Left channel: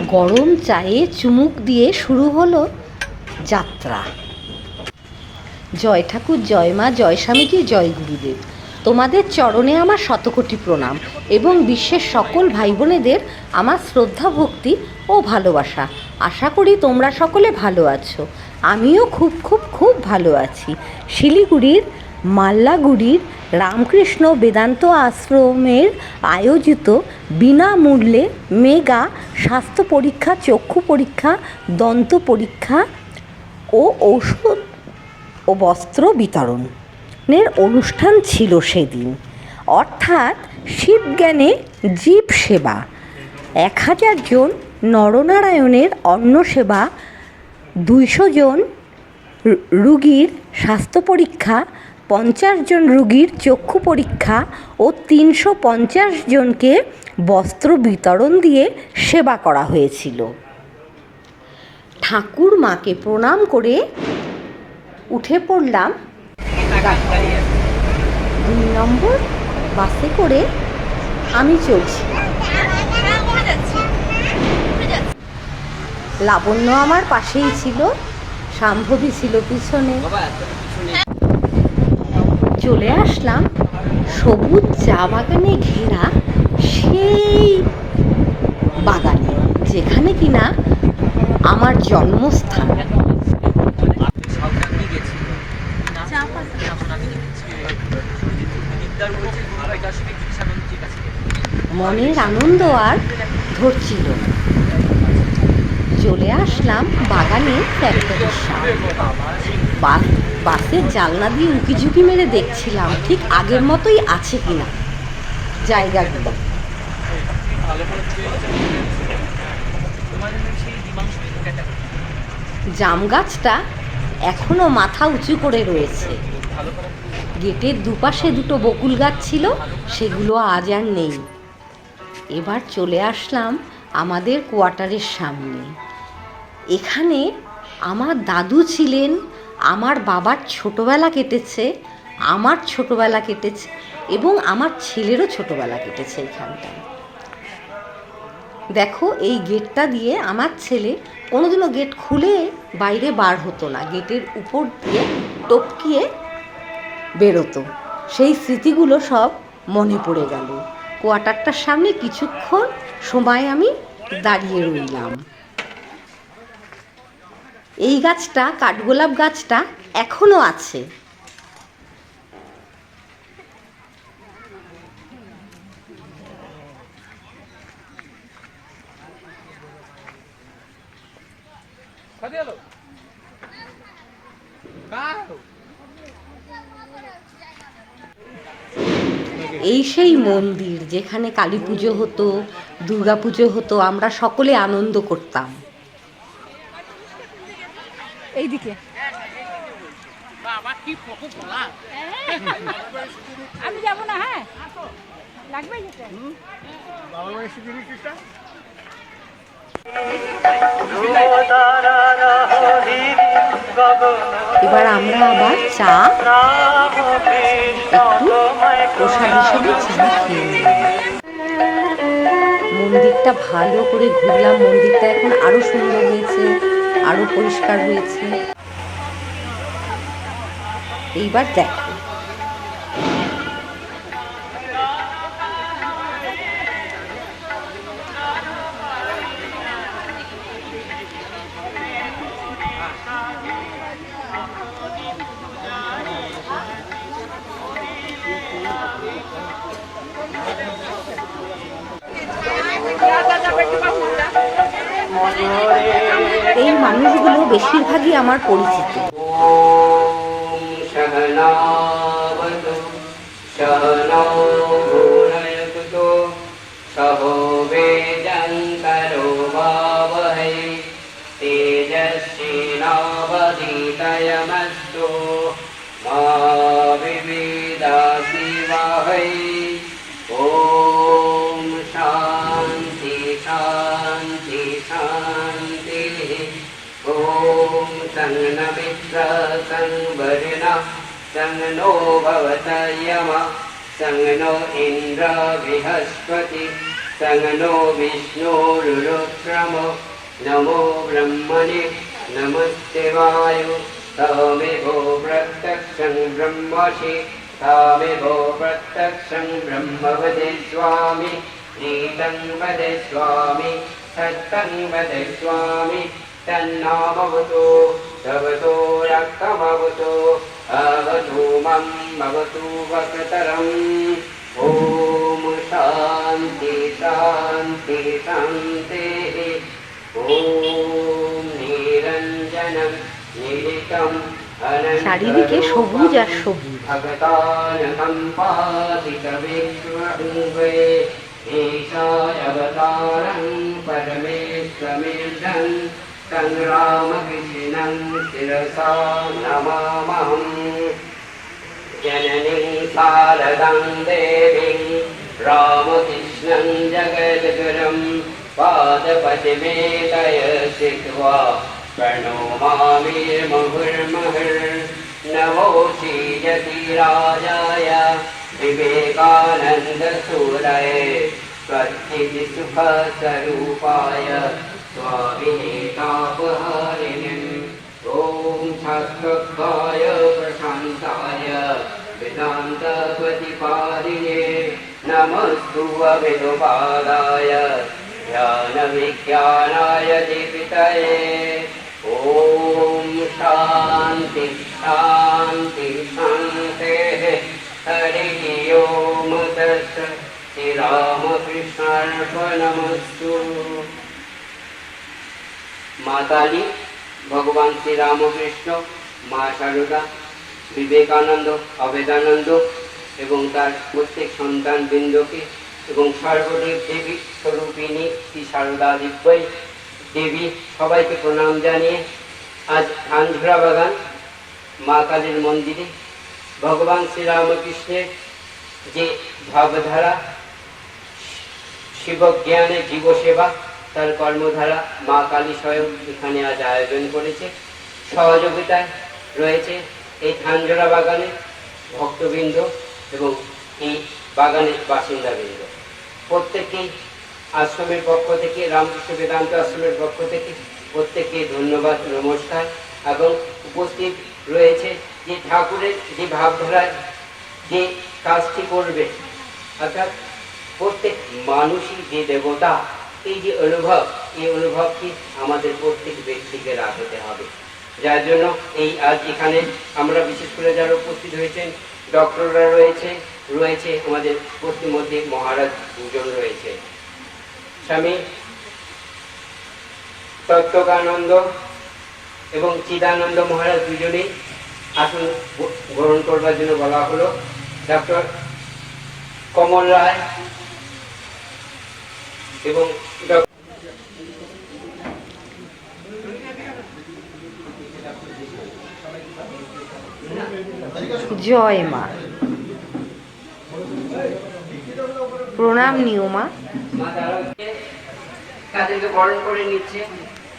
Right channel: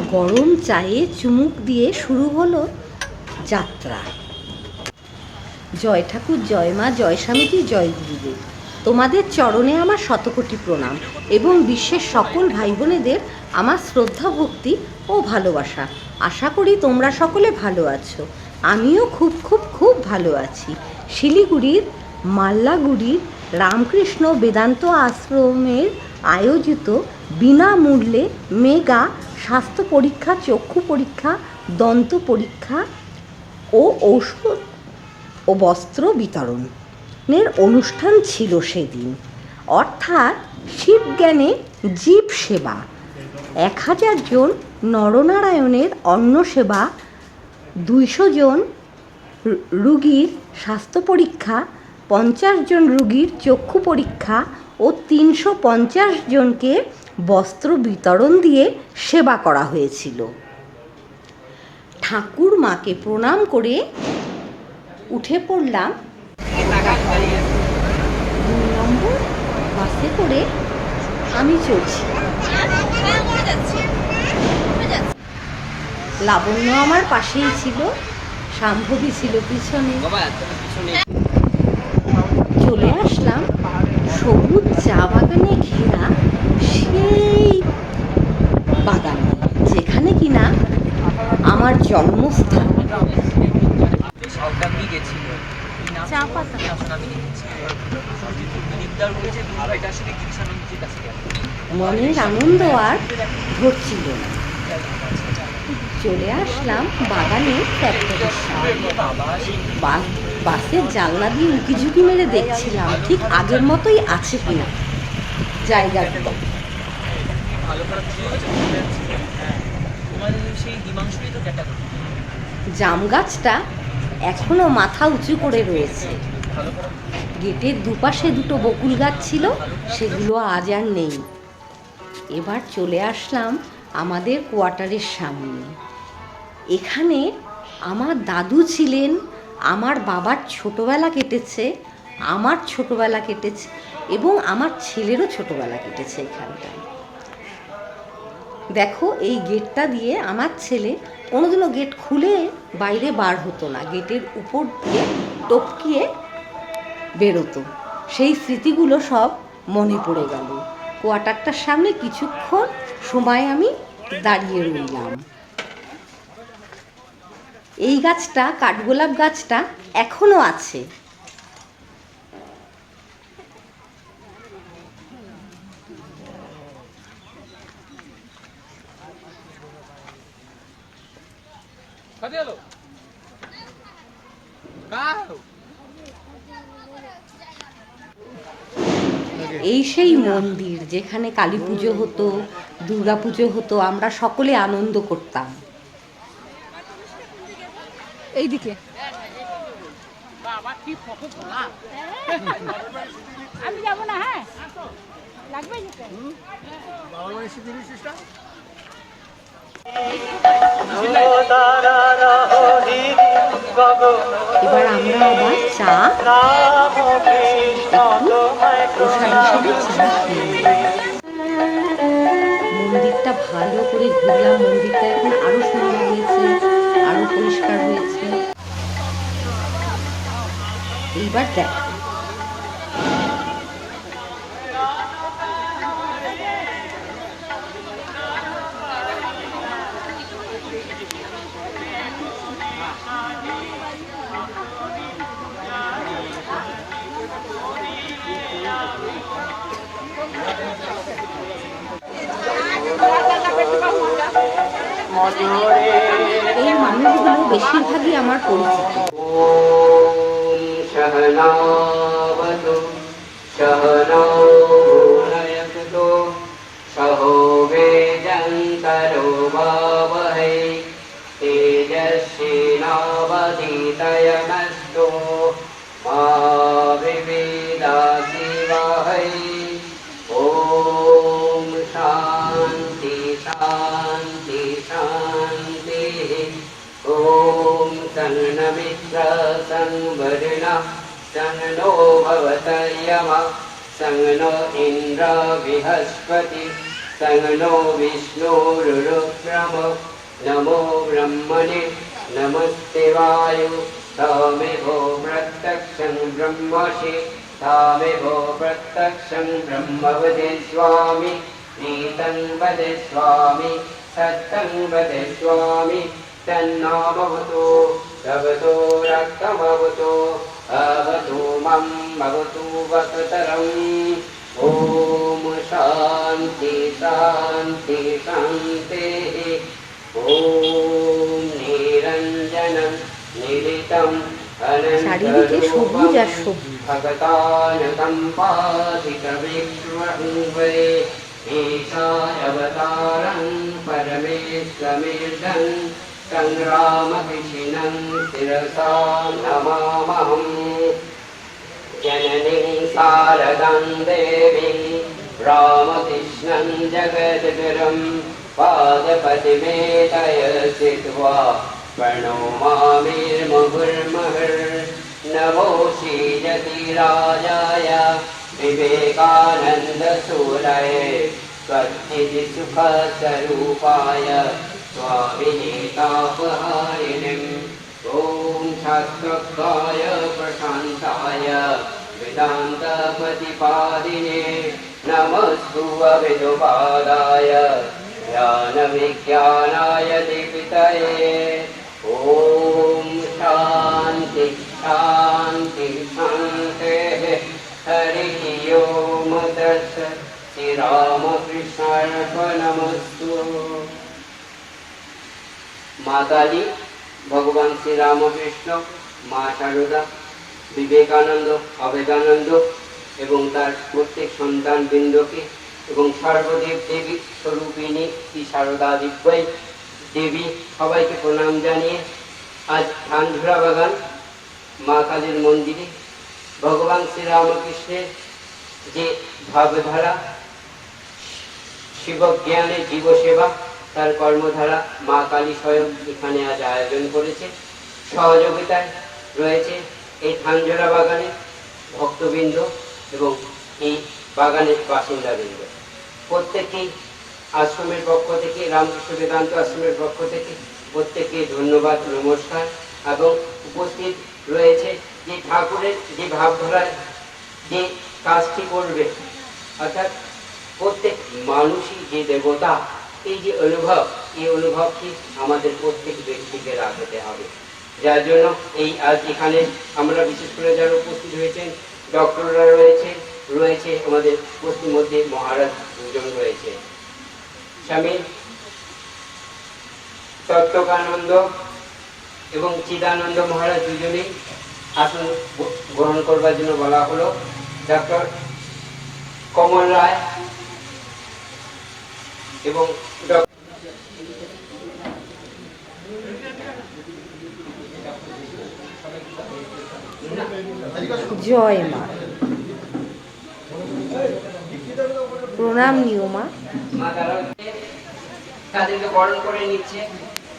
গরম চায়ে চুমুক দিয়ে শুরু হলো যাত্রা। জয় ঠাকুর, জয় মা, জয় স্বামীজি, জয় গুরুদেব। তোমাদের চরণে আমার শতকোটি প্রণাম এবং বিশ্বের সকল ভাই বোনেদের আমার শ্রদ্ধা, ভক্তি ও ভালোবাসা। আশা করি তোমরা সকলে ভালো আছো। আমিও খুব খুব খুব ভালো আছি। শিলিগুড়ির, মাল্লাগুড়ির, রামকৃষ্ণ বেদান্ত আশ্রমের আয়োজিত বিনামূল্যে মেগা স্বাস্থ্য পরীক্ষা, চক্ষু পরীক্ষা, দন্ত পরীক্ষা ও ঔষধ ও বস্ত্র বিতরণের অনুষ্ঠান ছিল সেদিন। অর্থাৎ শিবজ্ঞানে জীব সেবা, এক হাজার জন নরনারায়ণের অন্ন সেবা, দুইশো জন রুগীর স্বাস্থ্য পরীক্ষা পঞ্চাশ জন রুগীর চক্ষু পরীক্ষা ও তিনশো পঞ্চাশ জনকে বস্ত্র বিতরণ দিয়ে সেবা করা হয়েছিল। ঠাকুর মাকে প্রণাম করে উঠে পড়লাম। দুই নম্বর বাসে করে আমি চলছি। লাবণ্য আমার পাশেই ছিল শাম্ভবী ছিল পিছনে। চলে আসলাম। সবুজ চা বাগানে ঘেরা সেই বাগানে, যেখানে কিনা আমার জন্মস্থান। মনের আনন্দ আর ধরছিল চলে আসলাম বাগানের ফ্যাক্টরির সামনে। বাস, বাসের জানলা দিয়ে উকি ঝুঁকি মেরে দেখছিলাম, ঠিক আগের মতোই আছে কিনা। জায়গাগুলো। জাম গাছটা এখনও মাথা উঁচু করে রয়েছে। গেটের দুপাশে দুটো বকুল গাছ ছিল, সেগুলো আজ আর নেই। এবার চলে আসলাম আমাদের কোয়ার্টারের সামনে। এখানে আমার দাদু ছিলেন আমার বাবার ছোটবেলা কেটেছে, আমার ছোটবেলা কেটেছে এবং আমার ছেলেরও ছোটবেলা কেটেছে এখানটায়। দেখো, এই গেটটা দিয়ে আমার ছেলে কোনোদিনও গেট খুলে বাইরে বার হতো না, গেটের উপর দিয়ে টপকিয়ে বেরোতো। সেই স্মৃতিগুলো সব মনে পড়ে গেল। কোয়ার্টারটার সামনে কিছুক্ষণ সময় আমি দাঁড়িয়ে রইলাম। এই গাছটা, কাঠগোলাপ গাছটা এখনও আছে। এই সেই মন্দির যেখানে কালী পুজো হতো দুর্গা পুজো হতো, আমরা সকলে আনন্দ করতাম। এইদিকে আমি যাব না হ্যাঁ? লাগবে এবার আমরা আবার চা একটু প্রসাদ হিসেবে চা খেয়ে নিলাম। মন্দিরটা ভালো করে ঘুরলাম। মন্দিরটা এখন আরও সুন্দর হয়েছে। আরও পরিষ্কার হয়েছে। এইবার দেখো। বেশিরভাগই আমার পরিচিত सहनावतु सहनौ ॐ सन्नमित्र संवरिण सं नो भवत यम सं नो इन्द्र बृहस्पति सङ्गनो विष्णुरुरुक्रम नमो ब्रह्मणे नमस्ते वायु तामेभो प्रत्यक्षं ब्रह्मसि तामेभो प्रत्यक्षं ब्रह्म वदे स्वामि नीतं वदे स्वामि सत्यं वदे स्वामि तन्नामवतु भवतो रक्तमवतु अवतु मम भवतु वक्रतरम् ॐ शान्ति शान्ति शान्तिः ॐ निरञ्जनं निरितम् চারিদিকে সবুজ আর সবুজ अवतारं परमेश्वमेजं सं रामकृष्णं शिरसा नमामहम् जननीं सारदं देवीं रामकृष्णं जगदगुरं पादपतिमेतय स्थित्वा प्रणोमामिर्महुर्महर्नवो सी राजाय विवेकानन्दसूरये स्वस्तिसुखस्वरूपाय स्वामिनेतापहारिणिम् ॐ शास्त्रोक्ताय प्रशान्ताय वेदान्तप्रतिपादिने नमस्तु अविदुपादाय ज्ञानविज्ञानाय दीपितये। ॐ शान्ति शान्ति शान्तेः हरिः ओम तस् श्रीरामकृष्णार्पणमस्तु মা কালী ভগবান শ্রী রামকৃষ্ণ মা সারদা বিবেকানন্দ অবেদানন্দ এবং তার প্রত্যেক সন্তান বৃন্দকে এবং সর্বদেব দেবী স্বরূপিণী শ্রী সারদা দিব্যই দেবী সবাইকে প্রণাম জানিয়ে আজ ধানঝুড়া বাগান মা কালীর মন্দিরে ভগবান শ্রী রামকৃষ্ণের যে ভাবধারা শিবজ্ঞানে জীবসেবা, তার কর্মধারা মা কালী স্বয়ং এখানে আজ আয়োজন করেছে। সহযোগিতায় রয়েছে এই ধানজোড়া বাগানে ভক্তবৃন্দ এবং এই বাগানের বাসিন্দাবৃন্দ। প্রত্যেকেই আশ্রমের পক্ষ থেকে, রামকৃষ্ণ বেদান্ত আশ্রমের পক্ষ থেকে প্রত্যেককে ধন্যবাদ, নমস্কার এবং উপস্থিত রয়েছে যে ঠাকুরের যে ভাবধারায় যে কাজটি করবে, অর্থাৎ প্রত্যেক মানুষই যে দেবতা, এই যে অনুভব, এই অনুভবটি আমাদের প্রত্যেক ব্যক্তিকে রাখতে হবে। যার জন্য এই আজ এখানে আমরা বিশেষ করে যারা উপস্থিত হয়েছেন, ডক্টররা রয়েছে রয়েছে আমাদের মধ্যে মহারাজ দুজন রয়েছে। স্বামী তত্ত্বকানন্দ এবং চিদানন্দ মহারাজ দুজনেই আসন গ্রহণ করবার জন্য বলা হলো। ডক্টর কমল রায় এবং জয় মা। প্রণাম নিও মা। মা তারা তাদেরকে বরণ করে নিচ্ছে।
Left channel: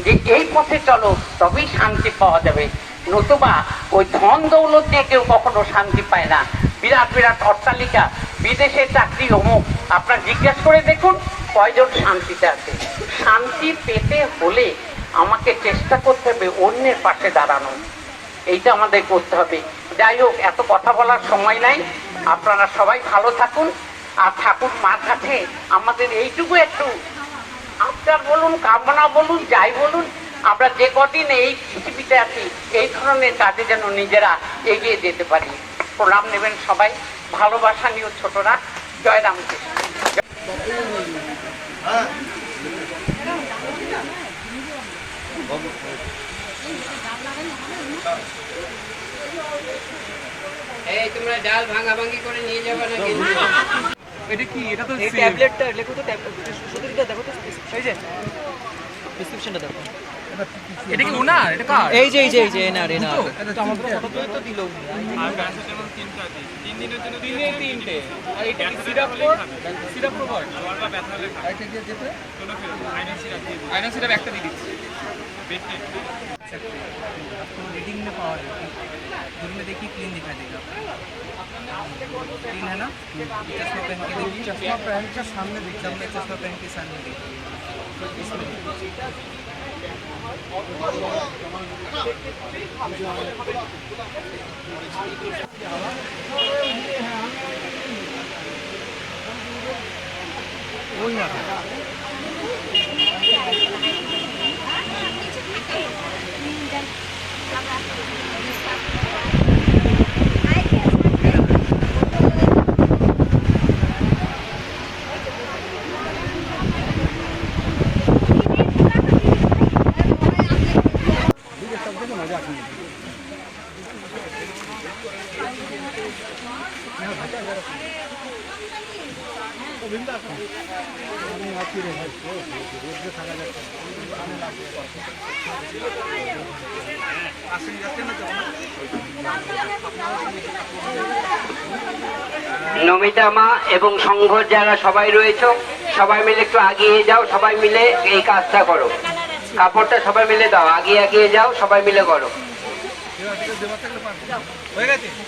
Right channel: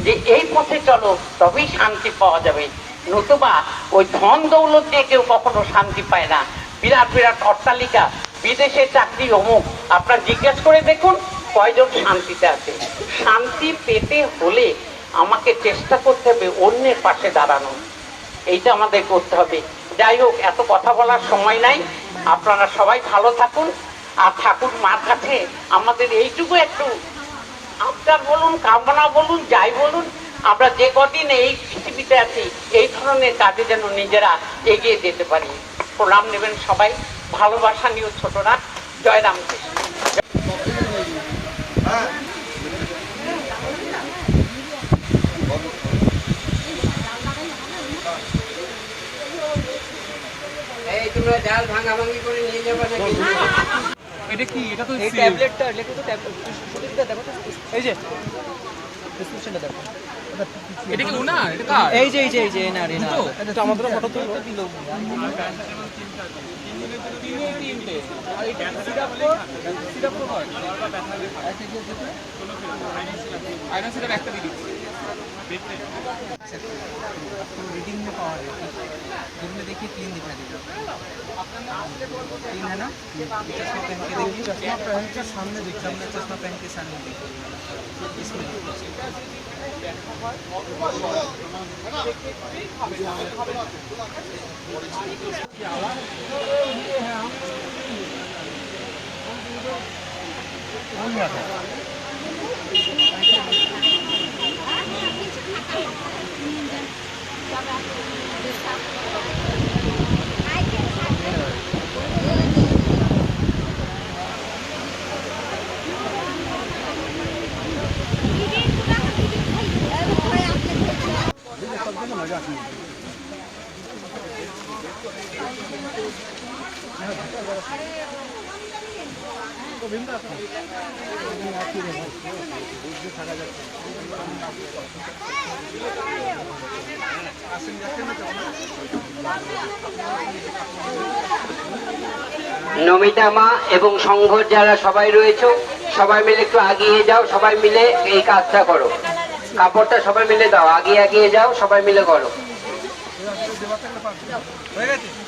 যে এই পথে চলো, তবেই শান্তি পাওয়া যাবে। নতুবা ওই ধন দৌলত দিয়ে কেউ কখনো শান্তি পায় না। বিরাট বিরাট অট্টালিকা, বিদেশে চাকরি অমুক। আপনার জিজ্ঞেস করে দেখুন কয়জন শান্তিতে আছে। শান্তি পেতে হলে আমাকে চেষ্টা করতে হবে অন্যের পাশে দাঁড়ানো। এইটা আমাদের করতে হবে। যাই হোক, এত কথা বলার সময় নাই। আপনারা সবাই ভালো থাকুন। আর ঠাকুর মার কাছে আমাদের এইটুকু একটু আপনার বলুন কামনা বলুন যাই বলুন আমরা যে কদিন এই পৃথিবীতে আছি এই ধরনের কাজে যেন নিজেরা এগিয়ে যেতে পারি। প্রণাম নেবেন সবাই ভালোবাসা নিয়েও ছোটরা। জয় রামকৃষ্ণ। এই তোমরা ডাল ভাঙা ভাঙি করে নিয়ে যাবে না এটা কি? এটা তো এই ট্যাবলেটটা লেখো তো ট্যাবলেট এই যে প্রেসক্রিপশনটা দেখো এটা কি উনার এটা কার এই যে এই যে এই যে এনার এনার তো আমাদের ফটো তুলে তো দিল তিনে তিনটে আর এটা সিরাপ কোড সিরাপ কোড হয় জ্বর বা ব্যথা হলে খায় এটা দিয়ে যেতে আইনা সিরাপ একটা দিয়ে দিচ্ছি आपको रीडिंग में पावर है दूर में देखिए क्लीन दिखाई देगा क्लीन है ना चश्मा पहन के देखिए चश्मा पहन के सामने देखिए सामने चश्मा पहन के सामने देखिए इसमें নমিতা মা এবং সংঘর যারা সবাই রয়েছে, সবাই মিলে একটু আগিয়ে যাও, সবাই মিলে এই কাজটা করো। কাপড়টা সবাই মিলে দাও, আগিয়ে আগিয়ে যাও, সবাই মিলে করো।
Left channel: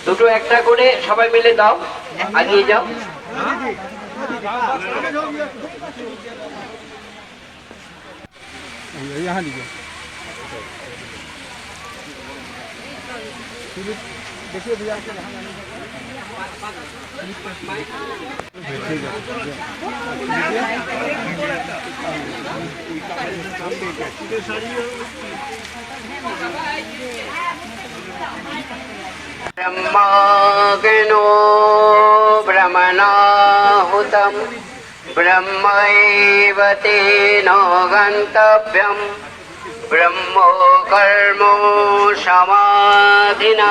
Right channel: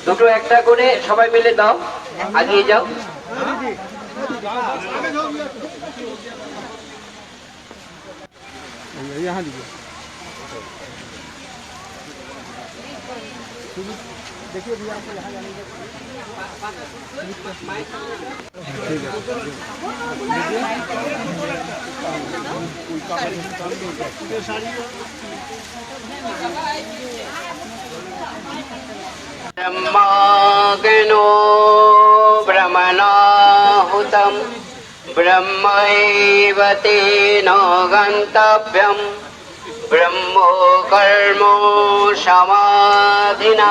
দুটো একটা করে সবাই মিলে দাও, আগিয়ে যাও। ब्रह्माग्नो भ्रमणाहुतम् ब्रह्मैव तेन गन्तव्यम् ब्रह्मो कर्मो समाधिना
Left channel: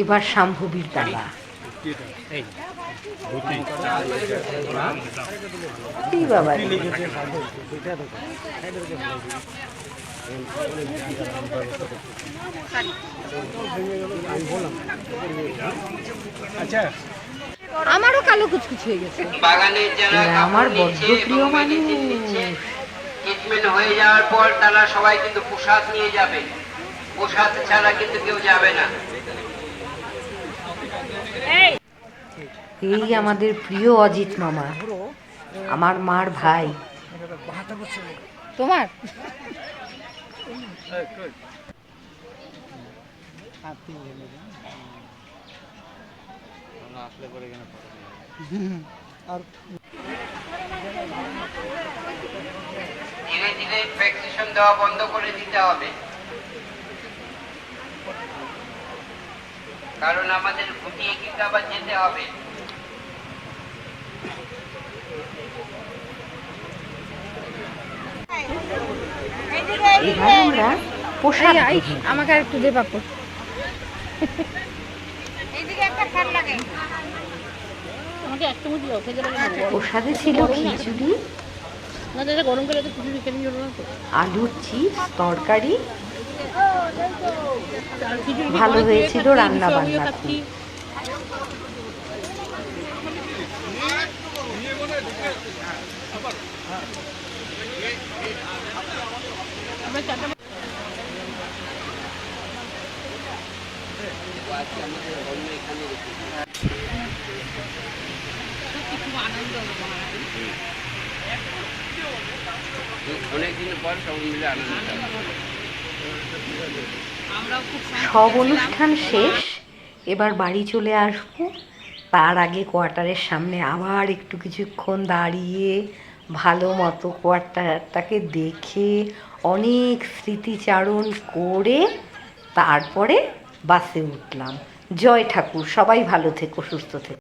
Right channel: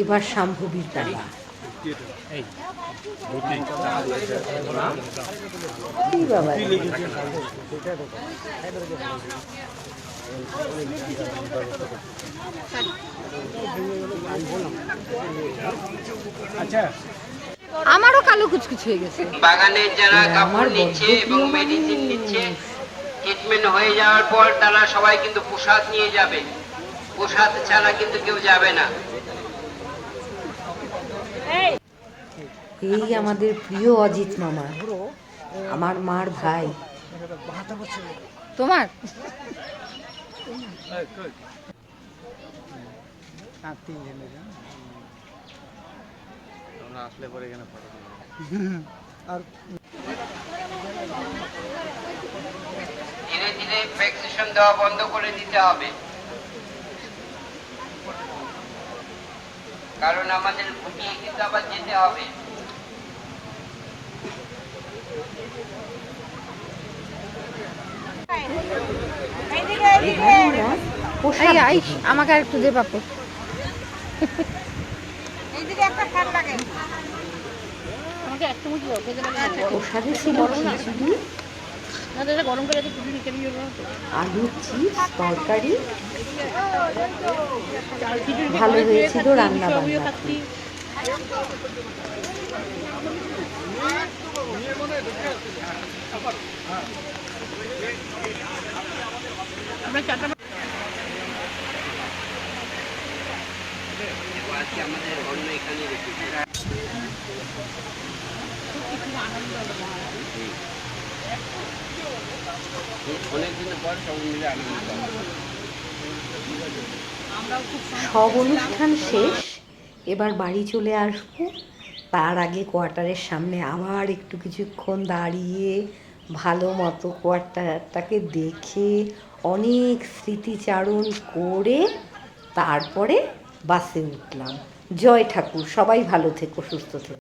এবার শাম্ভবীর এই বাবা। আমারও কালো কুচকুচ হয়ে গেছে। আমার বড্ড প্রিয় মানুষ। ট্রিটমেন্ট হয়ে যাওয়ার পর তারা সবাই কিন্তু প্রসাদ নিয়ে যাবে। প্রসাদ ছাড়া কিন্তু কেউ যাবে না। এই আমাদের প্রিয় অজিত মামা আমার মার ভাই। তোমার? ধীরে ধীরে ভ্যাকসিনেশন দেওয়া বন্ধ করে দিতে হবে কারণ আমাদের গুটিয়ে কিন্তু আবার যেতে হবে। এবার আমরা গ্রহণ আমাকে আর একটু দে পাপড় প্রসাদে ছিল খিচুড়ি আলুর চিপস তরকারি। ভালো হয়েছিল রান্না বান্না খুব। সব অনুষ্ঠান শেষ এবার বাড়ি চলে আসব। তার আগে কোয়ার্টারের সামনে আবার একটু কিছুক্ষণ দাঁড়িয়ে ভালো মতো কোয়ার্টারটাকে দেখে অনেক স্মৃতিচারণ করে তারপরে বাসে উঠলাম। জয় ঠাকুর সবাই ভালো থেকো সুস্থ থেকো।